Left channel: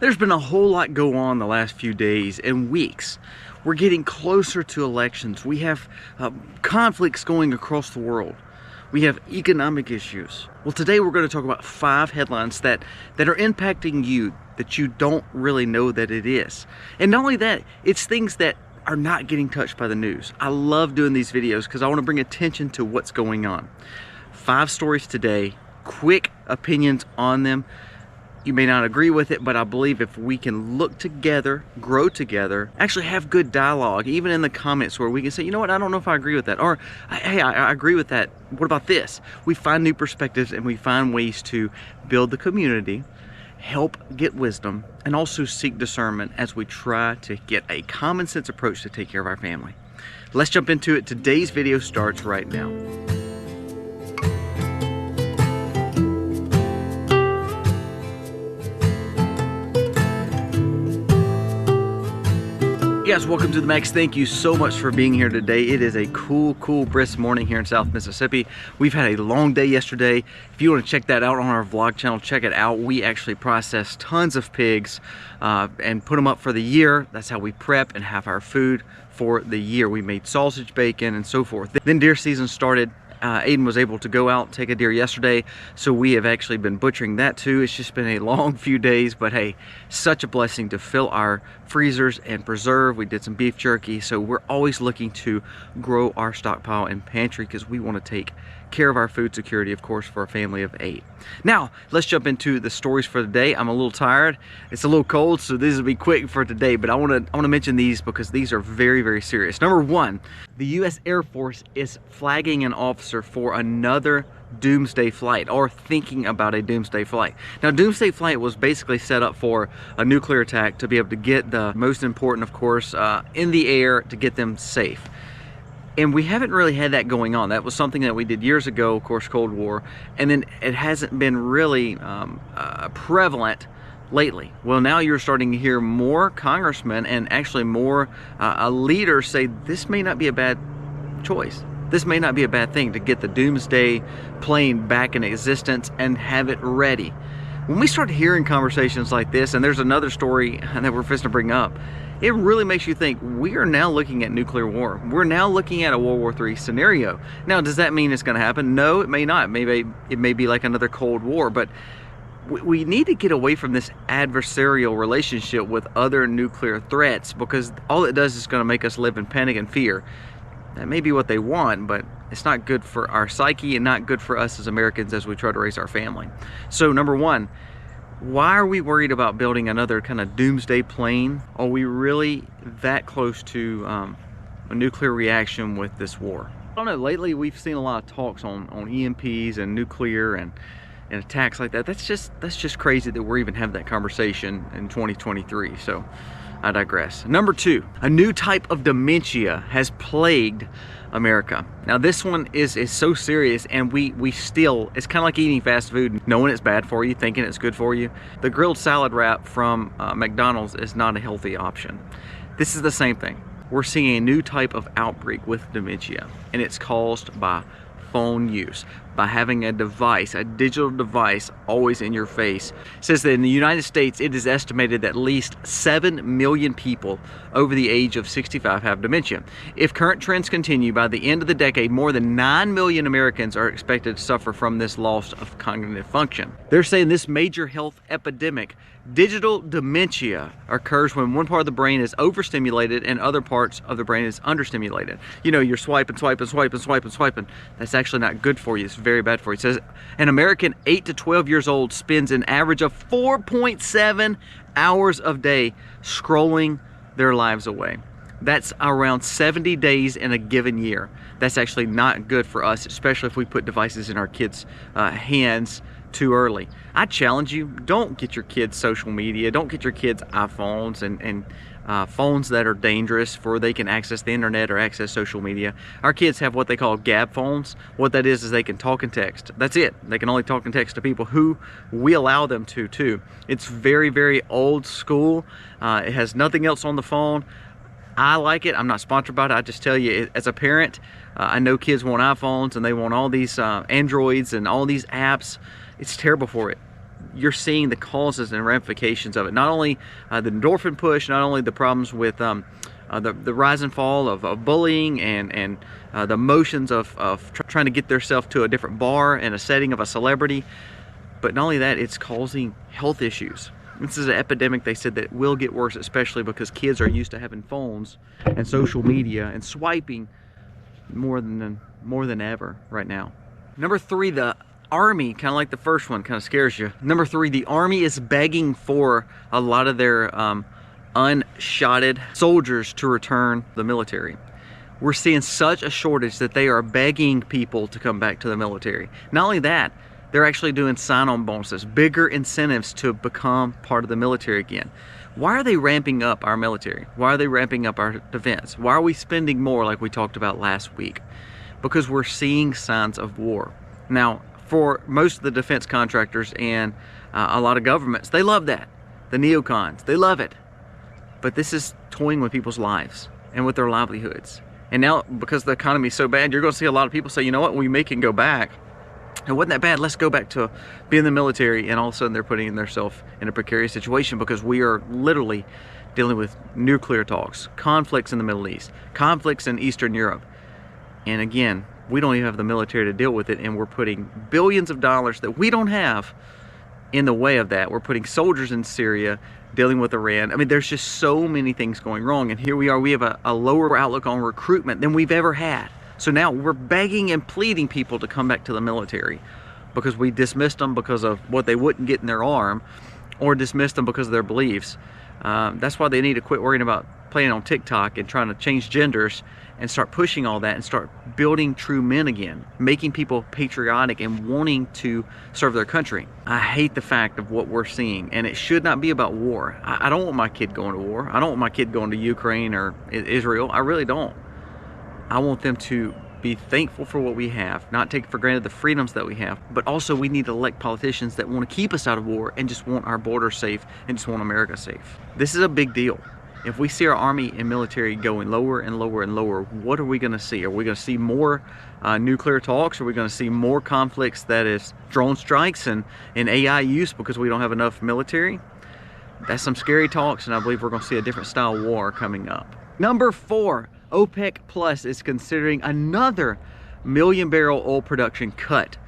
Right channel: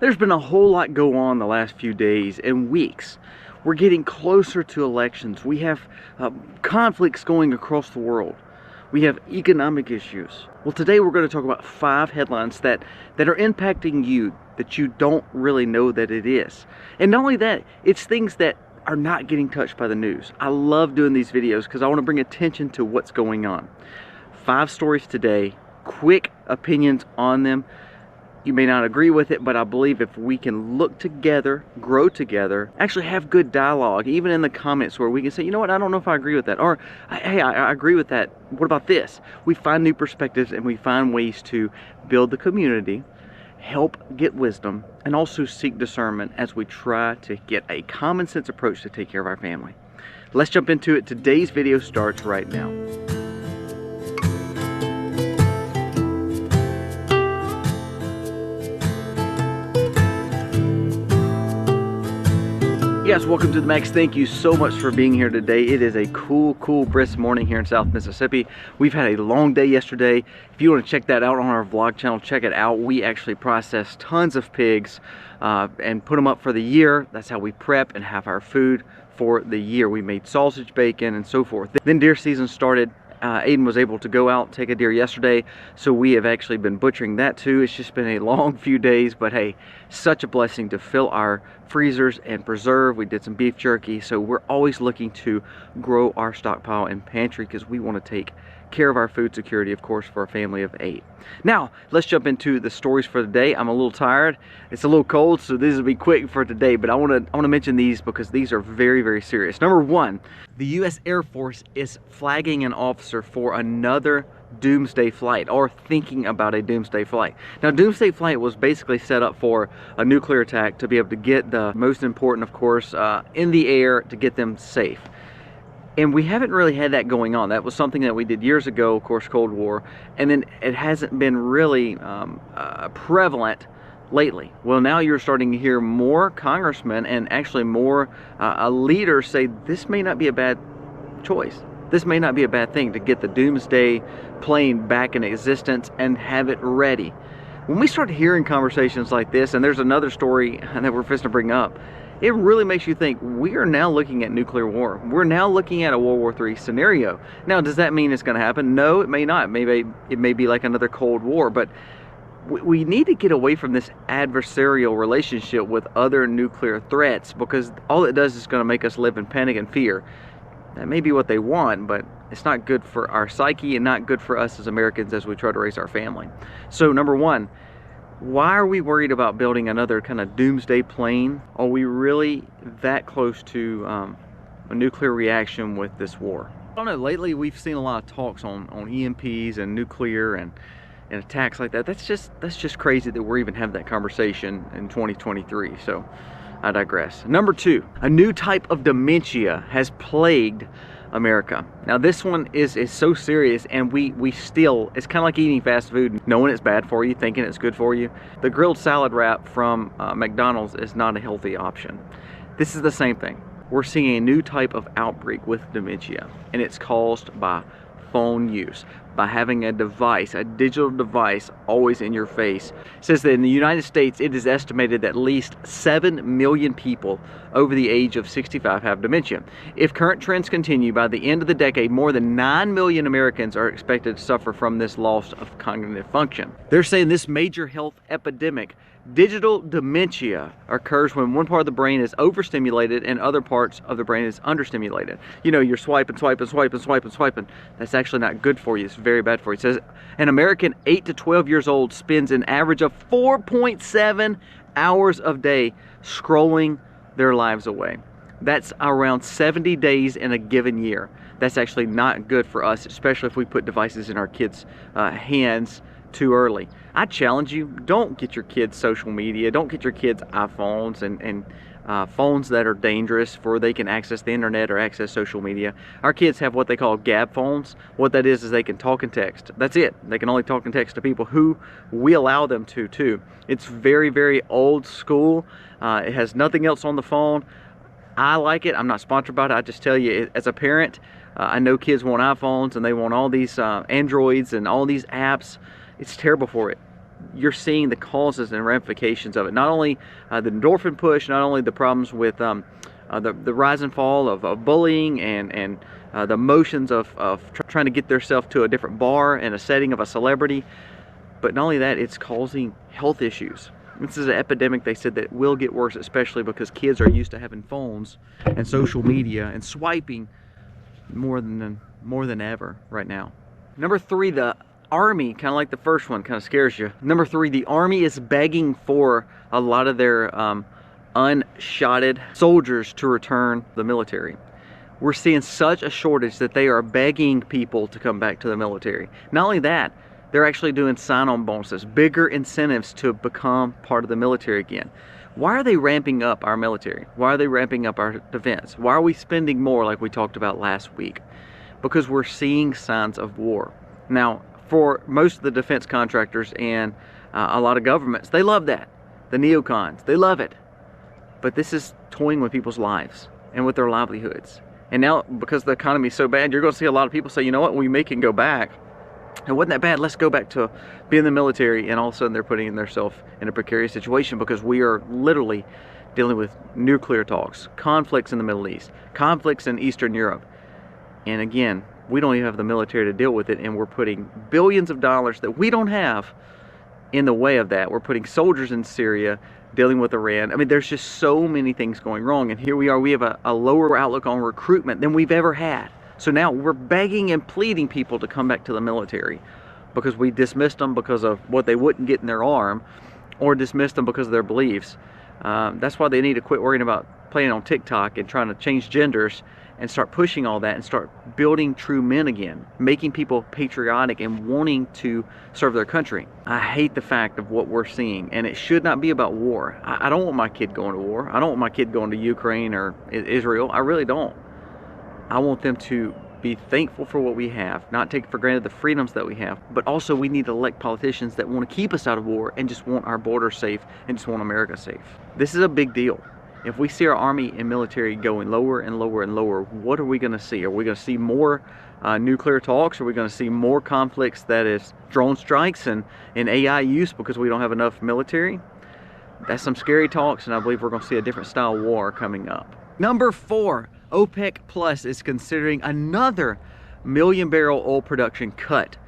There's been a whole lot go on the last few days and weeks. We're getting closer to elections. We have conflicts going across the world. We have economic issues. Well, today we're going to talk about 5 headlines that are impacting you that you don't really know that it is. And not only that, it's things that are not getting touched by the news. I love doing these videos because I want to bring attention to what's going on. 5 stories today, quick opinions on them. You may not agree with it, but I believe if we can look together, grow together, actually have good dialogue, even in the comments where we can say, you know what, I don't know if I agree with that. Or, hey, I agree with that. What about this? We find new perspectives and we find ways to build the community, help get wisdom, and also seek discernment as we try to get a common sense approach to take care of our family. Let's jump into it. Today's video starts right now. Guys, welcome to the Max. Thank you so much for being here today. It is a cool, brisk morning here in South Mississippi. We've had a long day yesterday. If you want to check that out on our vlog channel, check it out. We actually processed tons of pigs and put them up for the year. That's how we prep and have our food for the year. We made sausage, bacon, and so forth. Then deer season started. Aiden was able to go out and take a deer yesterday, so we have actually been butchering that too. It's just been a long few days, but hey, such a blessing to fill our freezers and preserve. We did some beef jerky, so we're always looking to grow our stockpile and pantry because we want to take care of our food security, of course, for a family of 8. Now, let's jump into the stories for the day. I'm a little tired. It's a little cold, so these will be quick for today, but I want to mention these because these are very serious. Number 1, the U.S. Air Force is flagging an officer for another Doomsday flight, or thinking about a Doomsday flight. Now, Doomsday flight was basically set up for a nuclear attack to be able to get the most important, of course, in the air to get them safe. And we haven't really had that going on. That was something that we did years ago, of course, Cold War, and then it hasn't been really prevalent lately. Well, now you're starting to hear more congressmen and actually more leaders say this may not be a bad choice. This may not be a bad thing to get the Doomsday plane back in existence and have it ready. When we start hearing conversations like this, and there's another story that we're fixing to bring up, it really makes you think we are now looking at nuclear war. We're now looking at a World War III scenario. Now, does that mean it's going to happen? No, it may not. Maybe it may be like another Cold War, but we need to get away from this adversarial relationship with other nuclear threats, because all it does is going to make us live in panic and fear. That may be what they want, but it's not good for our psyche and not good for us as Americans as we try to raise our family. So number 1, why are we worried about building another kind of Doomsday plane? Are we really that close to a nuclear reaction with this war? I don't know, lately we've seen a lot of talks on EMPs and nuclear and attacks like that. That's just crazy that we're even having that conversation in 2023. So I digress. Number 2, a new type of dementia has plagued America. Now this one is so serious, and we still, it's kind of like eating fast food, knowing it's bad for you, thinking it's good for you. The grilled salad wrap from McDonald's is not a healthy option. This is the same thing. We're seeing a new type of outbreak with dementia, and it's caused by phone use, by having a device, a digital device always in your face. It says that in the United States, it is estimated that at least 7 million people over the age of 65 have dementia. If current trends continue, by the end of the decade, more than 9 million Americans are expected to suffer from this loss of cognitive function. They're saying this major health epidemic, digital dementia, occurs when one part of the brain is overstimulated and other parts of the brain is understimulated. You know, you're swiping. That's actually not good for you. It's very bad for you. It says an American 8 to 12 years old spends an average of 4.7 hours a day scrolling their lives away. That's around 70 days in a given year. That's actually not good for us, especially if we put devices in our kids' hands too early. I challenge you, don't get your kids social media, don't get your kids iPhones and phones that are dangerous for they can access the internet or access social media. Our kids have what they call gab phones. What that is they can talk and text. That's it. They can only talk and text to people who we allow them to too. It's very old school. It has nothing else on the phone. I like it. I'm not sponsored by it. I just tell you, as a parent, I know kids want iPhones and they want all these Androids and all these apps. It's terrible for it. you're seeing the causes and ramifications of it. Not only the endorphin push, not only the problems with the rise and fall of bullying and the motions of trying to get themselves to a different bar in a setting of a celebrity, but not only that, it's causing health issues. This is an epidemic, they said, that will get worse, especially because kids are used to having phones and social media and swiping more than ever right now. Number 3, the Army, kind of like the first one, kind of scares you. Number 3, the Army is begging for a lot of their unshotted soldiers to return to the military. We're seeing such a shortage that they are begging people to come back to the military. Not only that, they're actually doing sign-on bonuses, bigger incentives to become part of the military again. Why are they ramping up our military? Why are they ramping up our defense? Why are we spending more like we talked about last week? Because we're seeing signs of war. Now, for most of the defense contractors and a lot of governments, they love that. The neocons, they love it. But this is toying with people's lives and with their livelihoods. And now, because the economy is so bad, you're going to see a lot of people say, you know what, we can go back. It wasn't that bad, let's go back to be in the military, and all of a sudden they're putting themselves in a precarious situation because we are literally dealing with nuclear talks, conflicts in the Middle East, conflicts in Eastern Europe. And again, we don't even have the military to deal with it, and we're putting billions of dollars that we don't have in the way of that. We're putting soldiers in Syria, dealing with Iran. I mean, there's just so many things going wrong, and here we are, we have a lower outlook on recruitment than we've ever had. So now we're begging and pleading people to come back to the military because we dismissed them because of what they wouldn't get in their arm, or dismissed them because of their beliefs. That's why they need to quit worrying about playing on TikTok and trying to change genders and start pushing all that and start building true men again, making people patriotic and wanting to serve their country. I hate the fact of what we're seeing, and it should not be about war. I don't want my kid going to war. I don't want my kid going to Ukraine or Israel. I really don't. I want them to be thankful for what we have, not take for granted the freedoms that we have, but also we need to elect politicians that want to keep us out of war and just want our borders safe and just want America safe. This is a big deal. If we see our army and military going lower and lower and lower, what are we going to see? Are we going to see more nuclear talks? Are we going to see more conflicts, that is drone strikes and AI use because we don't have enough military? That's some scary talks, and I believe we're going to see a different style war coming up. Number 4, OPEC Plus is considering another million-barrel oil production cut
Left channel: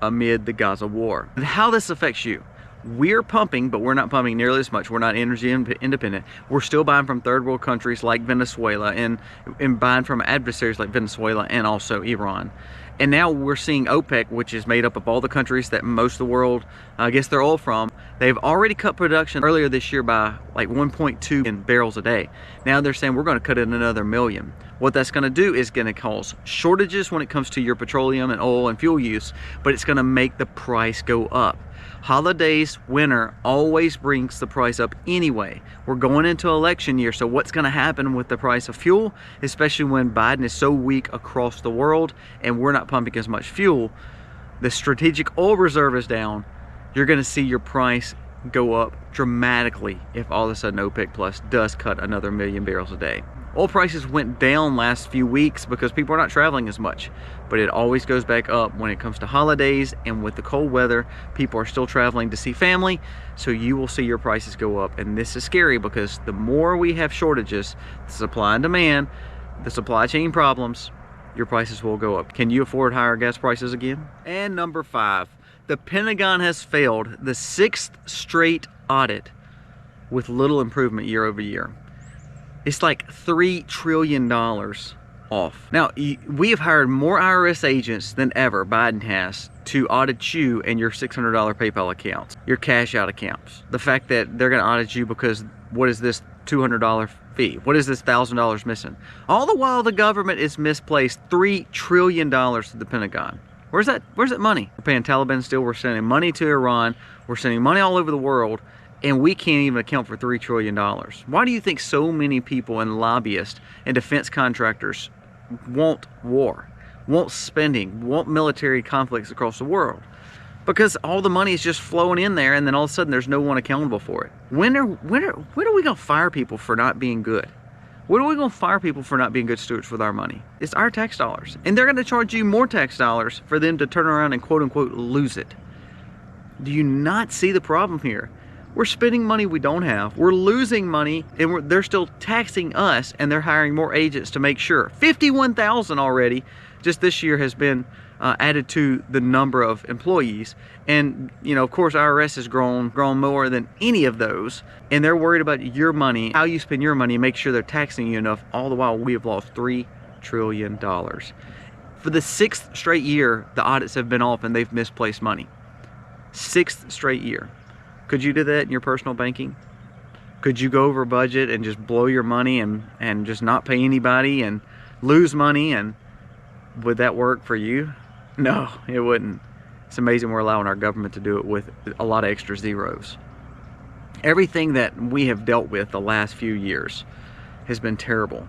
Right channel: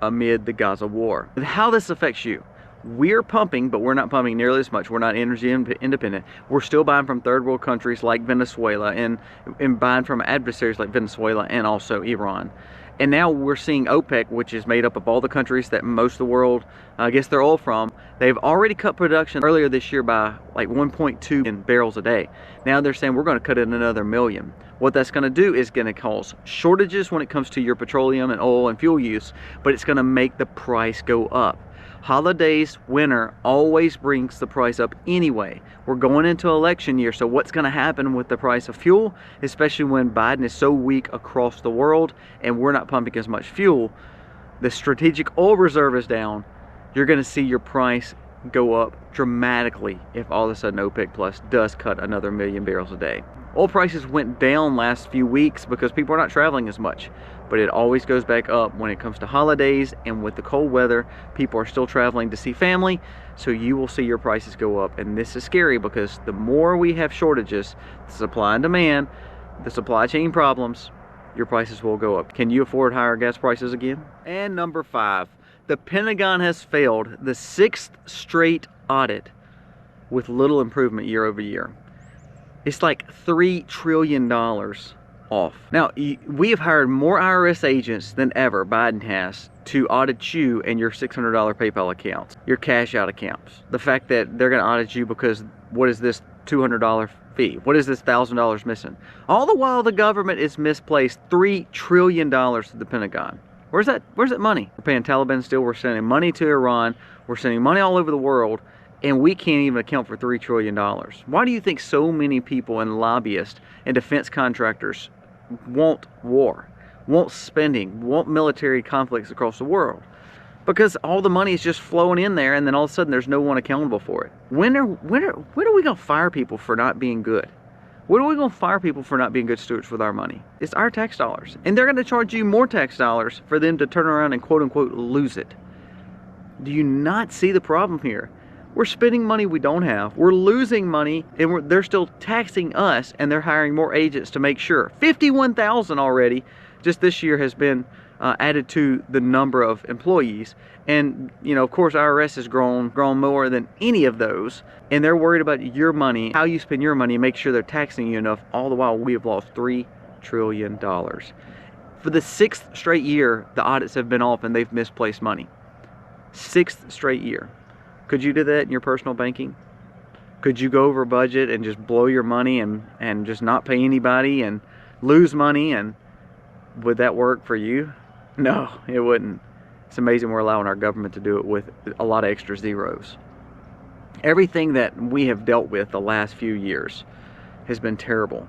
amid the Gaza war. And how this affects you. We're pumping, but we're not pumping nearly as much. We're not energy independent. We're still buying from third world countries like Venezuela and buying from adversaries like Venezuela and also Iran. And now we're seeing OPEC, which is made up of all the countries that most of the world gets their oil from. They've already cut production earlier this year by like 1.2 barrels a day. Now they're saying we're going to cut it another million. What that's going to do is going to cause shortages when it comes to your petroleum and oil and fuel use, but it's going to make the price go up. Holidays, winter always brings the price up anyway. We're going into election year, so what's going to happen with the price of fuel, especially when Biden is so weak across the world and we're not pumping as much fuel? The strategic oil reserve is down. You're going to see your price go up dramatically if all of a sudden OPEC Plus does cut another million barrels a day. Oil prices went down last few weeks because people are not traveling as much, but it always goes back up when it comes to holidays, and with the cold weather, people are still traveling to see family, so you will see your prices go up. And this is scary because the more we have shortages, the supply and demand, the supply chain problems, your prices will go up. Can you afford higher gas prices again? And number 5, the Pentagon has failed the 6th straight audit with little improvement year over year. It's like $3 trillion off. Now, we have hired more IRS agents than ever, Biden has, to audit you and your $600 PayPal accounts, your cash out accounts. The fact that they're gonna audit you because what is this $200 fee? What is this $1,000 missing? All the while the government is misplaced $3 trillion to the Pentagon. Where's that money? We're paying Taliban still, we're sending money to Iran, we're sending money all over the world, and we can't even account for $3 trillion. Why do you think so many people and lobbyists and defense contractors want war, want spending, want military conflicts across the world? Because all the money is just flowing in there, and then all of a sudden there's no one accountable for it. When are we gonna fire people for not being good? When are we gonna fire people for not being good stewards with our money? It's our tax dollars, and they're gonna charge you more tax dollars for them to turn around and quote unquote lose it. Do you not see the problem here? We're spending money we don't have. We're losing money, and they're still taxing us, and they're hiring more agents to make sure. 51,000 already just this year has been added to the number of employees. And you know, of course, IRS has grown more than any of those, and they're worried about your money, how you spend your money, and make sure they're taxing you enough. All the while, we have lost $3 trillion. For the 6th straight year, the audits have been off and they've misplaced money. 6th straight year. Could you do that in your personal banking? Could you go over budget and just blow your money and just not pay anybody and lose money? And would that work for you? No, it wouldn't. It's amazing we're allowing our government to do it with a lot of extra zeros. Everything that we have dealt with the last few years has been terrible.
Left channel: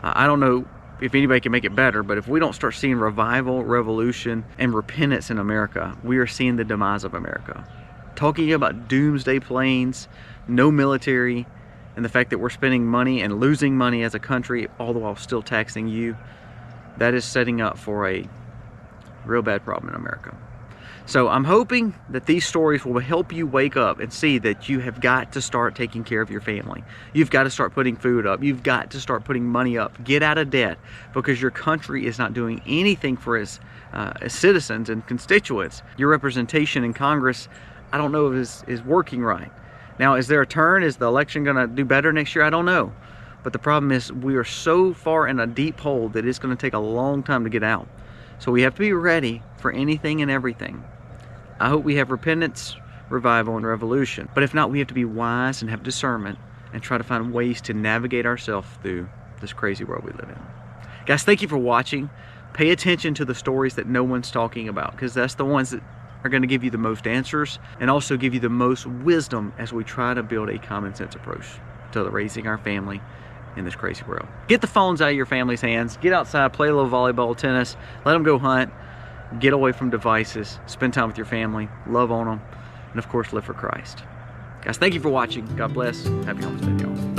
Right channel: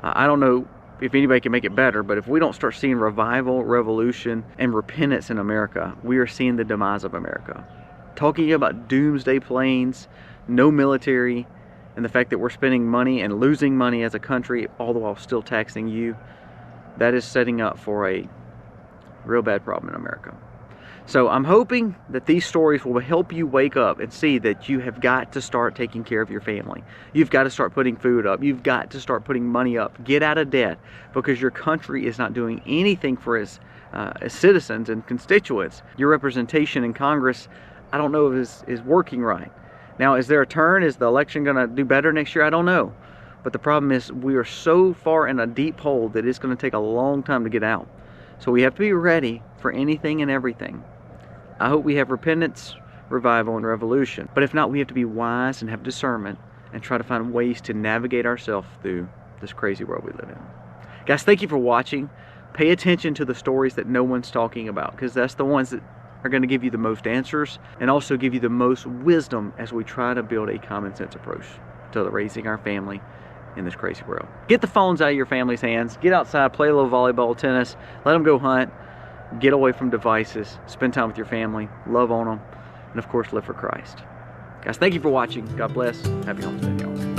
I don't know if anybody can make it better, but if we don't start seeing revival, revolution, and repentance in America, we are seeing the demise of America. Talking about doomsday planes, no military, and the fact that we're spending money and losing money as a country, all the while still taxing you, that is setting up for a real bad problem in America. So I'm hoping that these stories will help you wake up and see that you have got to start taking care of your family. You've got to start putting food up. You've got to start putting money up. Get out of debt, because your country is not doing anything for its citizens and constituents. Your representation in Congress, I don't know if is working right. Now, is there a turn? Is the election going to do better next year? I don't know. But the problem is we are so far in a deep hole that it's going to take a long time to get out. So we have to be ready for anything and everything. I hope we have repentance, revival, and revolution. But if not, we have to be wise and have discernment and try to find ways to navigate ourselves through this crazy world we live in. Guys, thank you for watching. Pay attention to the stories that no one's talking about, because that's the ones that are going to give you the most answers and also give you the most wisdom as we try to build a common sense approach to raising our family in this crazy world. Get the phones out of your family's hands. Get outside, play a little volleyball, tennis, let them go hunt, get away from devices, spend time with your family, love on them, and of course live for Christ. Guys, thank you for watching. God bless. Happy Homestead, y'all.